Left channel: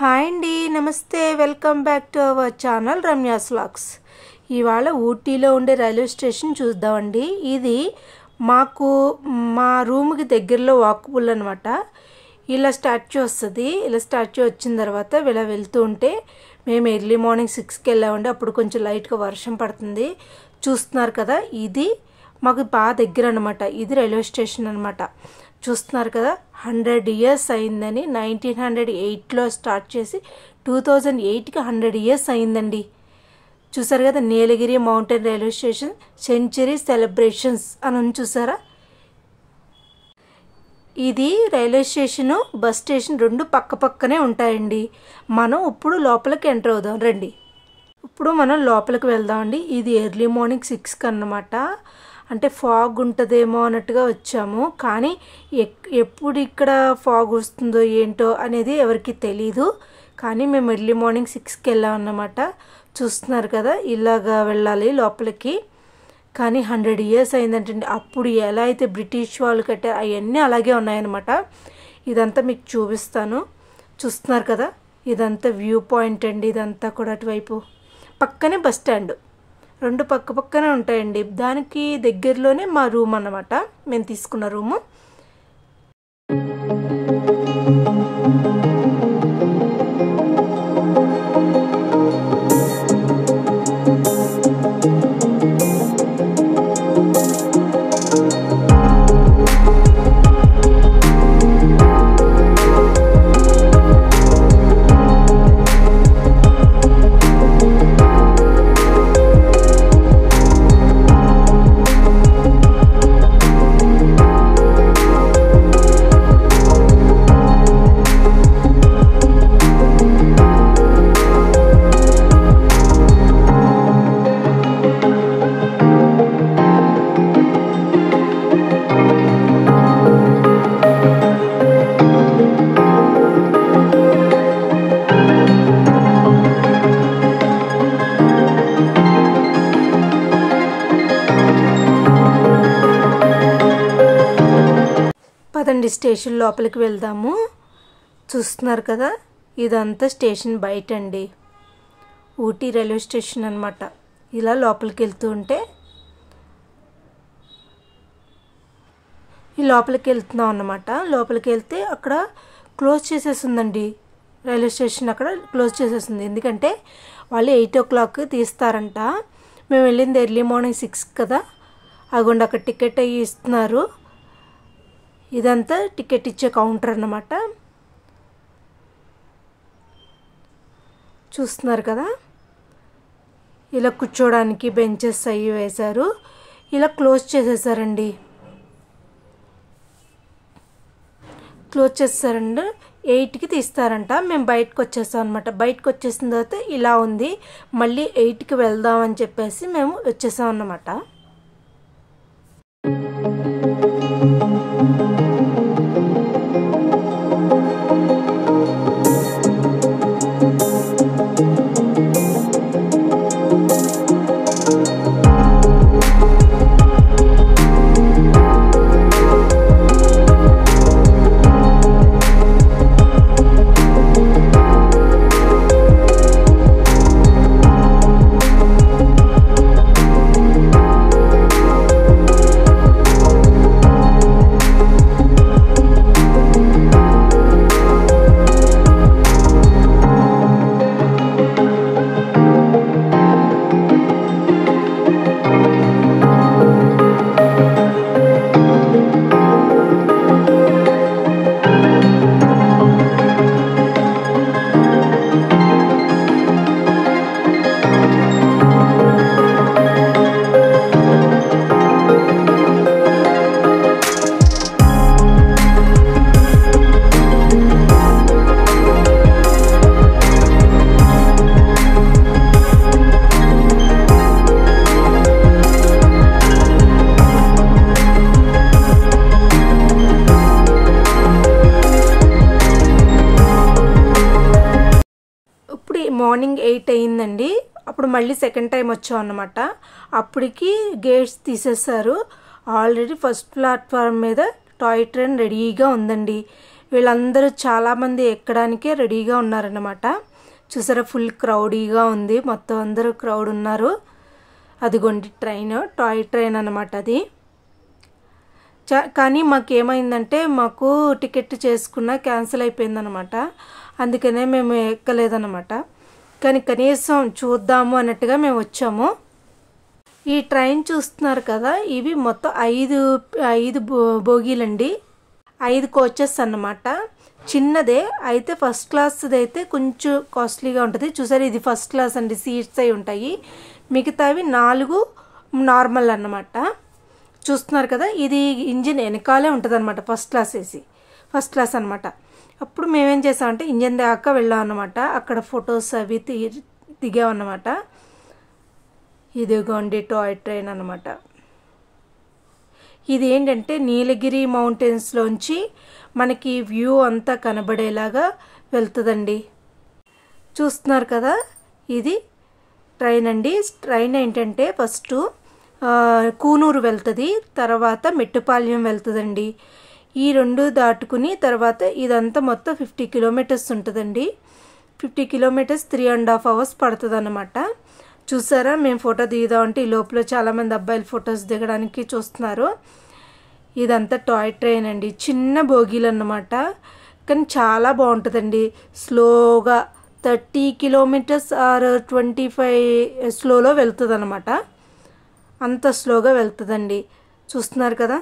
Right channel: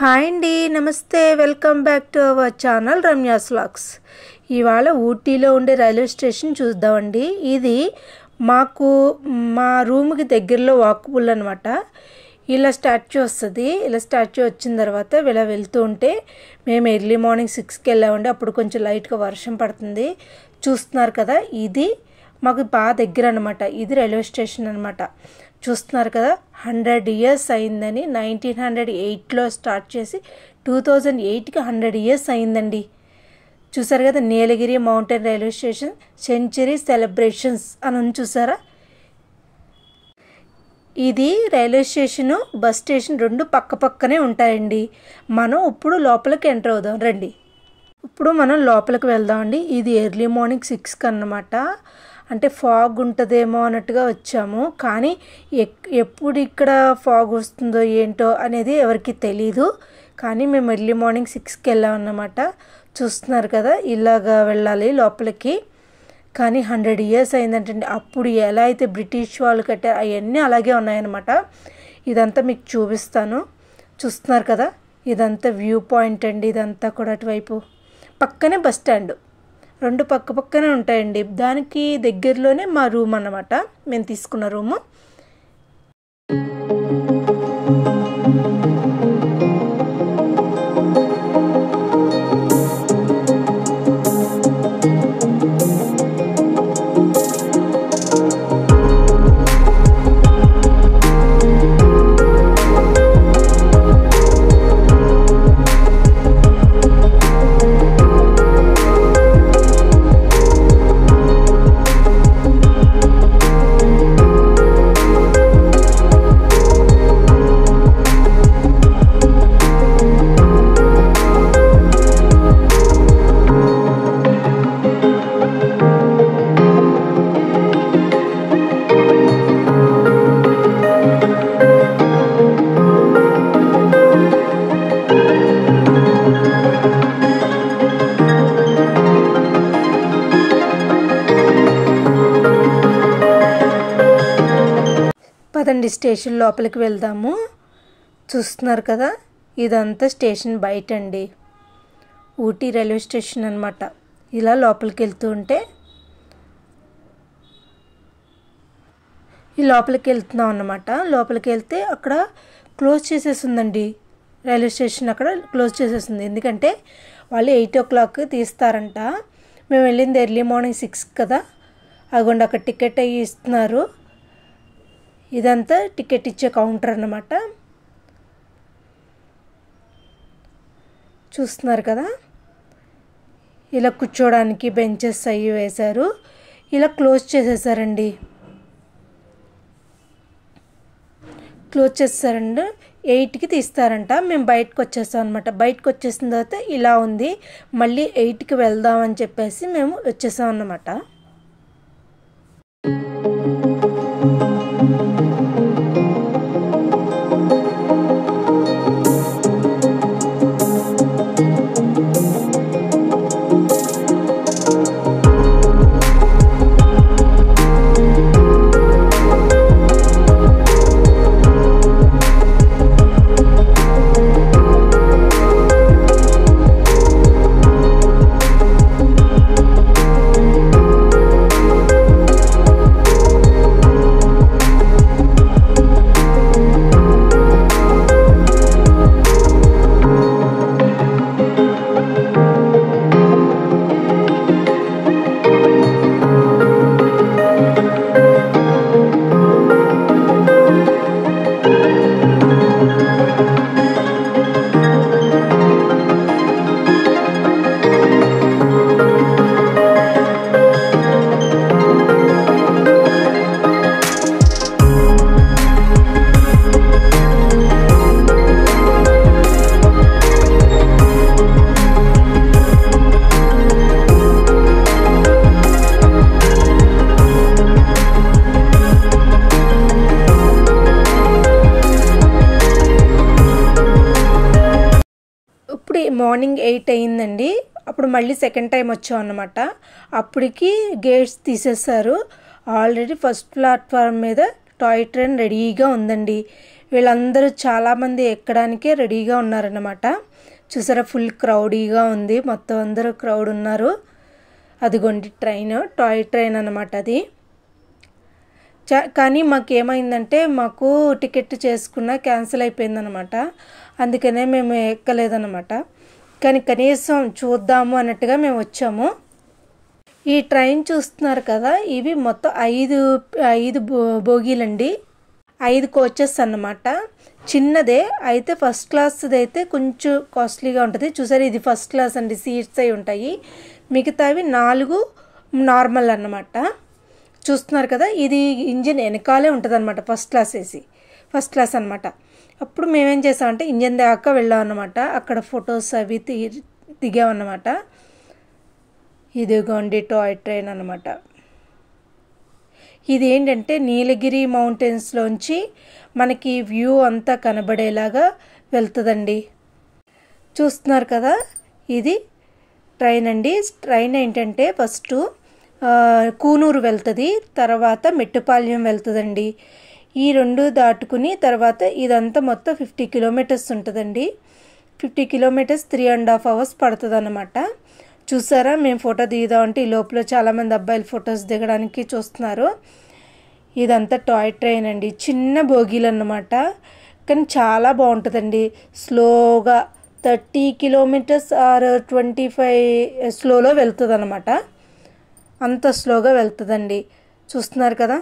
Hi అండి, నమస్తే. Welcome back to our channel Ramya's vlogs. ఇవాళ ఊటీలో ఉండే రైల్వే స్టేషన్ చూద్దామండి. ఇది మాకు మా రూమ్కి దగ్గరలో వాకబుల్ అనమాట. ఇలా స్టాచ్యూ వస్తుంది. ఇలా స్టాచ్యూ వచ్చిన తర్వాత ఇలా వెళ్తూ ఉంటే మేము ఎర్లీ మార్నింగ్ 6కి వెళ్ళామండి. అప్పుడు కొంచెం లైట్గా వర్షం పడుతుంది. చూస్తున్నారు కదా, ఇది మాకు బాగా దగ్గర అనమాట. ఇది రైల్వే స్టేషన్ అనమాట. చూస్తున్నారు కదా, 100 years అయిందని. 1908లో స్టార్ట్ చేసి 2008కి 100 years అయిందండి. చూసారు కదా, Nilgiri mountain railway station century celebrations అని చూసారా. ఇది రైల్వే స్టేషను బస్ స్టేషన్ రెండు పక్క పక్కనే ఉంటాయండి. మనం ఇప్పుడు లోపలికి ఎంటర్ అవుదాం రండి. ఇప్పుడు మనం లోపలికి వెళ్దామండి. ఇది ఎర్లీ మార్నింగ్ 6కి అన్నమాట. అంటే ఫాగ్ ఉంటుందేమో అన్నట్టుగా వచ్చాము, కానీ ఎప్పుడు ఇక్కడ ఫాగ్ వస్తుందో ఏంటో అనేది ఎవరికి తెలీదు. కానీ మేము ఎర్లీ మార్నింగ్ 6కి వెళ్ళాం అన్నమాట. చూస్తున్నారు కదా, ఇలాగా వెళ్ళాలి లోపలికి. కానీ 100 years అయిందంటండి. అప్పుడు ఎలా అయితే బ్రిటిష్ వాళ్ళు కట్టారు అవన్నీ అలాగే ఉన్నాయన్నమాట. ఇదంతా మీకు చూపిస్తాను. చూస్తున్నారు కదా, ఇదంతా వ్యూ పాయింట్ అండి. ఇదంతా కూడా అటువైపు పక్కనే బస్ స్టాండ్, రెండు పక్క పక్కనే ఉంటాయండి. దానికి దగ్గరలోనే మా రూమ్ అన్నమాట, మేము తీసుకున్న రూము. పదండి స్టేషన్ లోపలికి వెళ్దాము. చూస్తున్నారు కదా, ఇదంతా స్టేషన్ బయట అండి. ఊటీ రైల్వే స్టేషన్ అనమాట. ఇలా లోపలికి వెళ్తూ ఉంటే ఈ లోపలికి వెళ్తున్నాం అన్నమాట. లోపలికి వెళ్తే అక్కడ క్లోజ్ చేసేసిందండి రైల్వే స్టేషన్. అక్కడ క్లోజ్ చేసేసింది, ఎందుకంటే వాళ్ళు 8 o'clock తీస్తారంట. మేము వెళ్ళింది ఎర్లీ మార్నింగ్ 6 కదా. అదిగోండి అక్కడ టికెట్ అయ్యి ఇస్తున్నారు. ఇదంతా టికెట్ ఇచ్చే కౌంటర్ అన్నమాట. చూస్తున్నారు కదా, ఇలా కూర్చోడానికి బెంచెస్ అయ్యి వేశారు. ఇలా క్లోజ్ చేసేసారండి. క్లోజ్ చేస్తారండి. 8కి తీస్తారంట. మేము బయటకు వచ్చేస్తాం అనమాట. బయటకు వచ్చేసిన తర్వాత ఇలా ఉంది. మళ్ళీ 8కి వెళ్దామని చెప్పేసి మేము వచ్చేసాం అన్నమాట. మార్నింగ్ 8 అయిందండి. అప్పుడు మళ్ళీ సెకండ్ టైం వచ్చాం అన్నమాట. అప్పటికి గేట్స్ తీసేశారు. ఆల్రెడీ ఫస్ట్ ప్లాట్ఫామ్ మీద టాయ్ ట్రైన్ రెడీగా ఉందండి. వీళ్ళందరూ చాలామంది ఎక్కడానికే రెడీగా ఉన్నారన్నమాట. చూసారా ఫుల్ క్రౌడీగా ఉంది, మొత్తం అందరూ క్రౌడ్ ఉన్నారు. అదిగోండి ట్రైన్, టాయ్ ట్రైన్ అన్నమాట అది. కానీ మాకేమైందంటే మాకు టికెట్ చేసుకున్న క్యాన్సిల్ అయిపోయిందనమాట, అందుకనే మేము ఎక్కలేదన్నమాట. కానీ కనీసం చూద్దాము అన్నట్టుగా మేము వచ్చాము. ఈ ట్రైన్ చూస్తున్నారు కదా, ఇవి మొత్తం 5 బోగీలండి, 5 కోచెస్ అన్నమాట. చిన్నదే అయితే, ఫస్ట్ క్లాస్ది అయితే కొంచెం కాస్ట్లీగా ఉంటుంది. చూసారు ఇది ఫస్ట్ క్లాస్ అండి, సీట్స్ అయి ఉంటాయి. మిగతావి 4 నార్మల్ అన్నమాట. చూస్తున్నారు కదా, ఇది ఇంజిన్ వెనకాలే ఉంటుంది అనమాట, ఫస్ట్ క్లాస్ అనమాట. అప్పుడు మేమేం చేసామంటే ఇంజిన్ దాకా వెళ్ళాం అన్నమాట. అక్కడ ఫొటోస్ అవి దిగామన్నమాట. ఇదిగోండి టాయ్ ట్రైన్ అన్నమాట. ఇది ఏంటంటే నీలగిరి మౌంటైన్స్లోంచి మనకి వ్యూ అంతా కనబడేలాగా వెళ్తుందండి. చూస్తున్నారు కదా, ఇది ట్రైన్ అండి. ట్రైన్ ఏంటంటే ఫస్ట్ కూనూరు వెళ్తుంది, తర్వాత మెట్టుపాళ్యం వెళ్తుందండి. ఈ 2 దాటుకుని తర్వాత ఇదంతా మొత్తం 50 కిలోమీటర్స్ ఉంటుందండి. 50 కిలోమీటర్స్ 3.5 hours పడుతుంది అన్నమాట. చూసారా మేము ఫోటో దిగుదామంటే ఈ లోపల చాలామంది అబ్బాయిలు ఫొటోస్ దిగడానికి చూస్తున్నారు. ఇదంతా టాయ్ ట్రైన్ అండి, చిన్న బోగీలు అన్నమాట. కానీ చాలా బాగుంటుందండి. స్లోగా 30 కిలోమీటర్స్ ఆర్ 25 స్లోలో వెళ్తుంది అన్నమాట. అంత స్లోగా వెళ్తుందండి. చూస్తున్నారు కదా.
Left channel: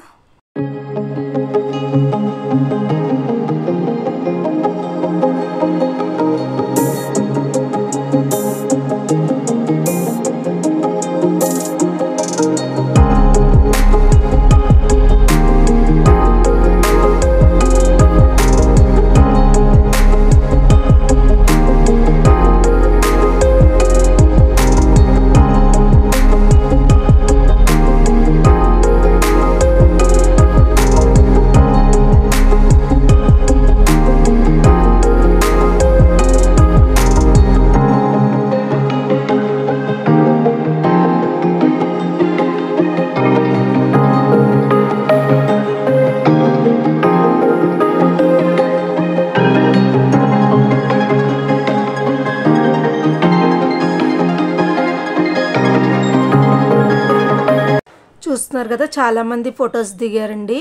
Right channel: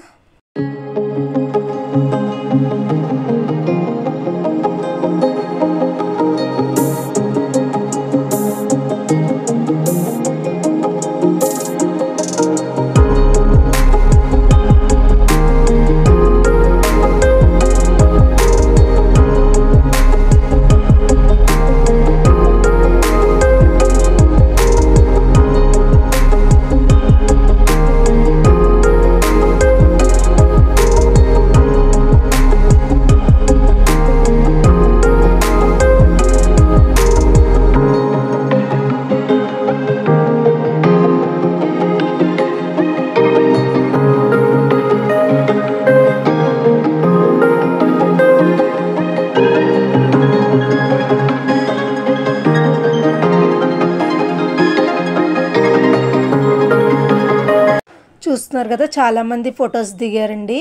చూస్తున్నారు కదా, చాలామంది ఫొటోస్ దిగారండి.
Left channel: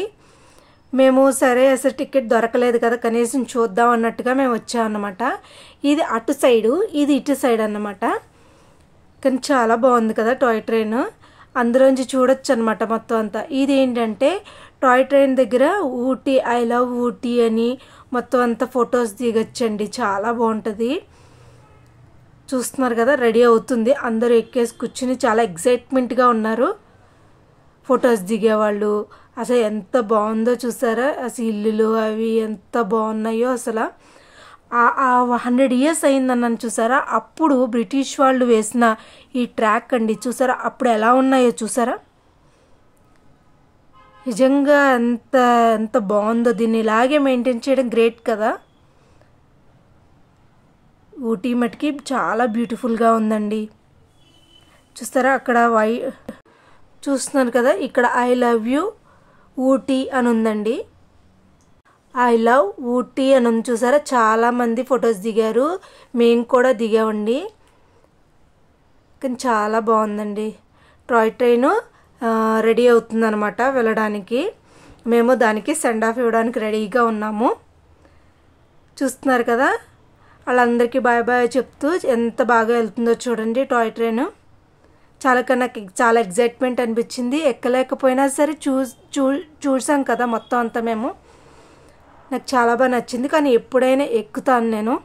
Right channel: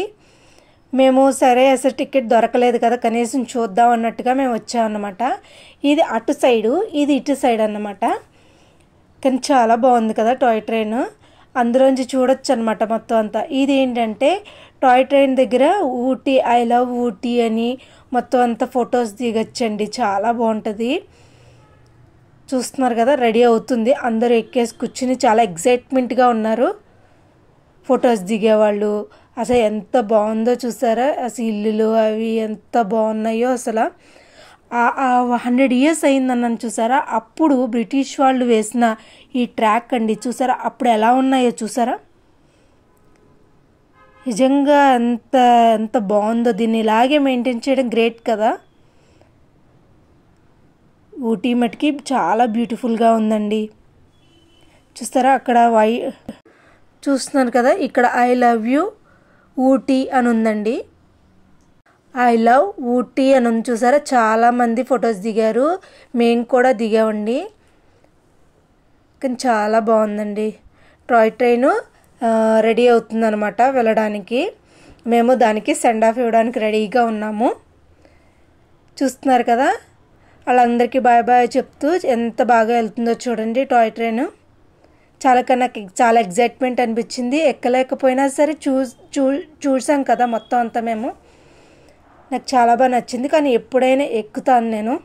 మేము సరే అసలు టికెట్ దొరకలేదు కదా, కనీసం చూద్దాం అన్నట్టుగా మేము వచ్చామన్నమాట. ఇది అటు సైడు, ఇది ఇటు సైడ్ అన్నమాట. కానీ చాలా బాగుంది కదా టాయ్ ట్రైన్, అందులోంచి చూడొచ్చు అనమాట మొత్తం అంతా. ఇది ఏంటంటే టాయ్ ట్రైన్ దగ్గర ఊటీ, ఐ లవ్ ఊటీ అని మొత్తం అంతా ఫొటోస్ దిగొచ్చండి, చాలా బాగుంటుంది. చూస్తున్నారు కదా, రెడీ అవుతుంది, అందరూ ఎక్కేసి కూర్చుని చాలా ఎగ్జైట్మెంట్గా ఉన్నారు ఫొటోస్ దిగేవాళ్ళు. అసలు ఎంత బాగుందో చూసారా, అసలు ఇల్లులు అవి ఎంత బాగున్నాయో అసలు. 100 years అయిందన్నాను చూసారా, అప్పుడు బ్రిటిష్ వాళ్ళు వేసిన ఈ ట్రాక్ అండి. చూసారా అప్పుడు ఎలా ఉన్నాయో చూసారా, నిజంగా ఎంత బాగుందో. దీన్ని ఇలాగే మెయింటైన్ చేయడం గ్రేట్ కదా. ఊటీ మటుకి చాలా బ్యూటిఫుల్గా ఉందండి. చూస్తారా అక్కడ చూస్తున్నారు కదా, ఇక్కడ ఐ లవ్ యూ ఊటీ అని ఉందండి. ఐ లవ్ ఊటీ అని ఉంది చూసారా. చాలామంది ఫొటోస్ దిగారు, మేము కూడా దిగామండి. కానీ చాలా బాగుందండి. టాయ్ ట్రైన్ రెడీ అవుతుందన్నమాట వెళ్ళడానికి. మేము దానికి సెండ్ ఆఫ్ ఇవ్వడానికి రెడీగా ఉన్నాము. చూస్తున్నారు కదా, వాళ్ళందరికీ బాయ్ బాయ్ చెప్తూ ఎంత బాగా వెళ్తుందో చూడండి టాయ్ ట్రైన్. నాకు చాలా ఎగ్జైట్మెంట్ అనిపించింది. ఎక్కలేకపోయినా సరే చూసాం కదా మొత్తం అంతా మేము. నాకు చాలా బాగా నచ్చింది, కానీ ఎప్పుడైనా ఎక్కుతాను నేను.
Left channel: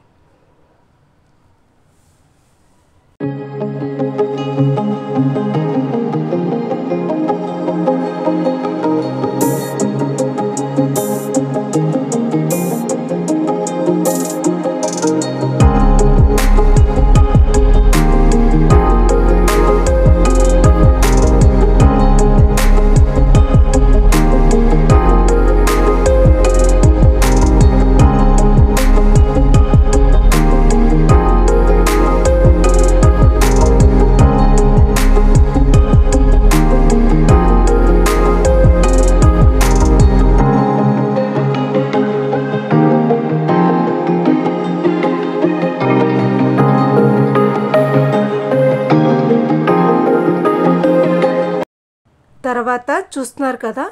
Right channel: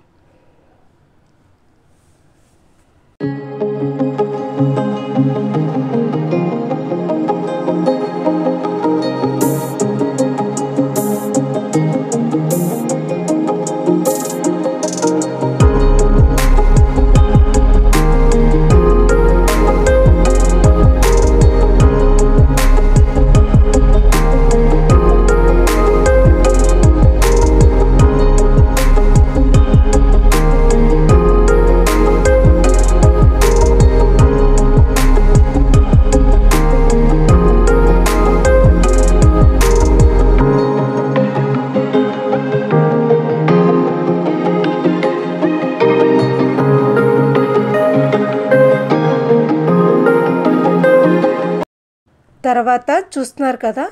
తర్వాత చూస్తున్నారు కదా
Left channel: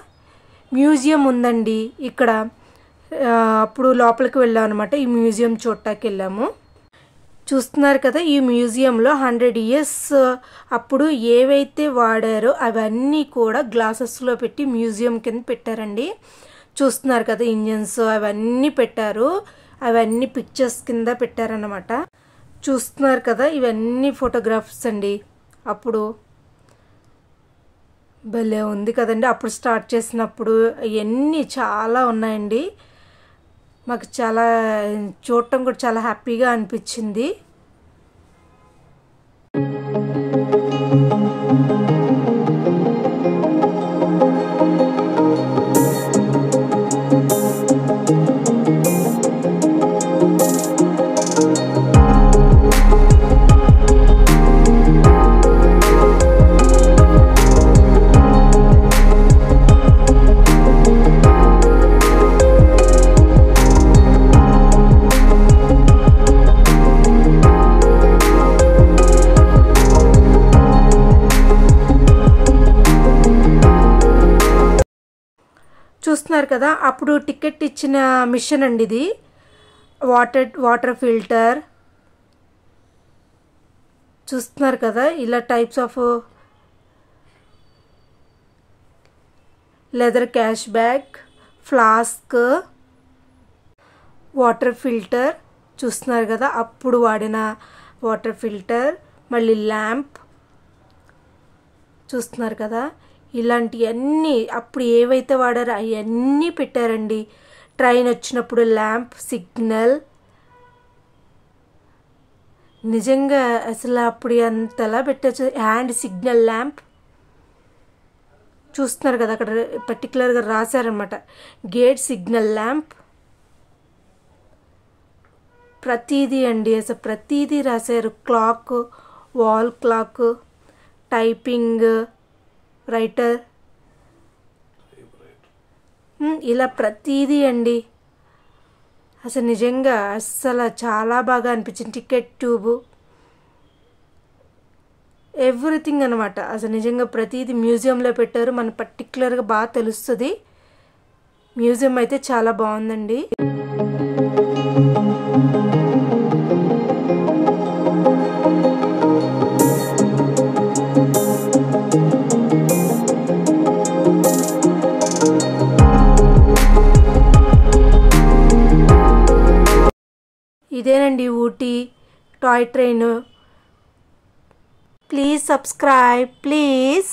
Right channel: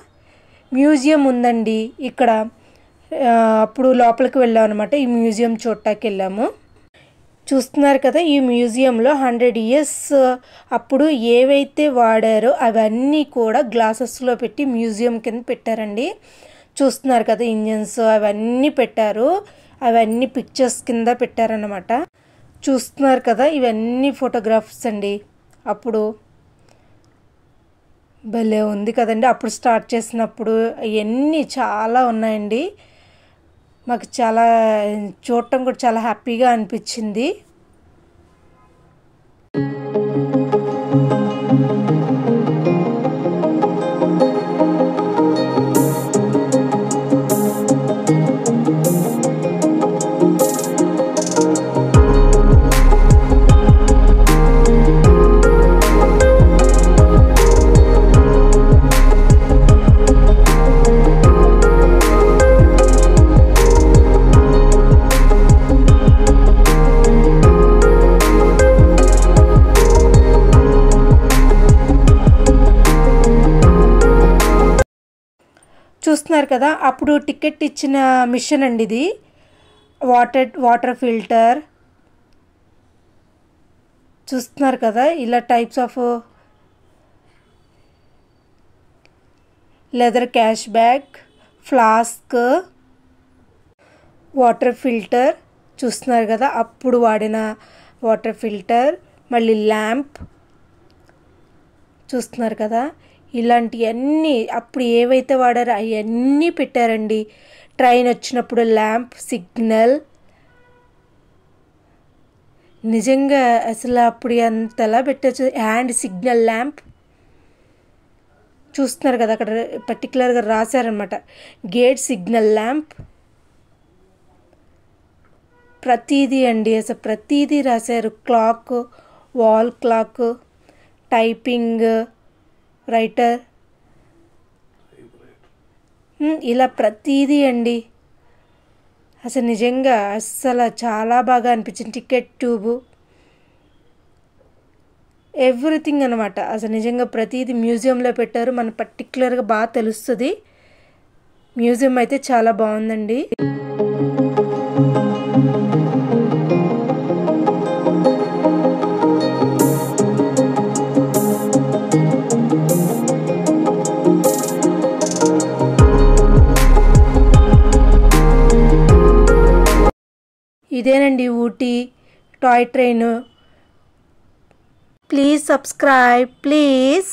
మ్యూజియం ఉందండి ఇక్కడ. అప్పుడు లోపలికి వెళ్ళాం అనమాట. ఈ మ్యూజియం చూడటానికి వెళ్ళాము. చూస్తున్నారు కదా ఈ మ్యూజియంలో 100 years అప్పుడు ఏవైతే వాడారో అవన్నీ కూడా గ్లాసెస్లో పెట్టి మ్యూజియం కింద పెట్టారండి. చూస్తున్నారు కదా ఇంజన్స్ అవన్నీ పెట్టారు. అవన్నీ పిక్చర్స్ కింద పెట్టారన్నమాట. చూస్తున్నారు కదా ఇవన్నీ ఫోటోగ్రాఫ్స్ అండి. అప్పుడు భలే ఉంది కదండి. అప్పుడు స్టార్ట్ చేసినప్పుడు ఇవన్నీ చాలా ఉన్నాయండి. మాకు చాలా చూడటం కూడా చాలా హ్యాపీగా అనిపించింది. చూస్తున్నారు కదా అప్పుడు టికెట్ ఇచ్చిన మిషన్ అండి ఇది. వాటర్ ఫిల్టర్ చూస్తున్నారు కదా ఇలా types of leather cash bag, flask, water filter చూస్తున్నారు కదా అప్పుడు వాడిన వాటర్ ఫిల్టర్, మళ్ళీ ల్యాంప్ చూస్తున్నారు కదా. ఇలాంటివన్నీ అప్పుడు ఏవైతే వాడారో అవన్నీ పెట్టారండి. ట్రైన్ వచ్చినప్పుడు ల్యాంప్, సిగ్నల్, నిజంగా అసలు అప్పుడు అంతలా పెట్టచ్చు. హ్యాండ్ సిగ్నల్ ల్యాంప్ చూస్తున్నారు కదా అక్కడ పర్టికులర్గా రాశారనమాట. గేట్ సిగ్నల్ ల్యాంప్, ప్రతిదీ అండి అసలు ప్రతిదీ రాశారు. Clock, wall clock, typing writer, ఇలా ప్రతిదీ అండి. అసలు నిజంగా అస్సలు చాలా బాగా అనిపించింది. టికెట్ ట్యూబ్, ఎవ్రీథింగ్ అనమాట. అసలు నిజంగా ప్రతిదీ మ్యూజియంలో పెట్టారు. మన పర్టికులర్గా బాగా తెలుస్తుంది. మ్యూజియం అయితే చాలా బాగుందండి. ఇదేనండి Ooty toy train. Please subscribe please.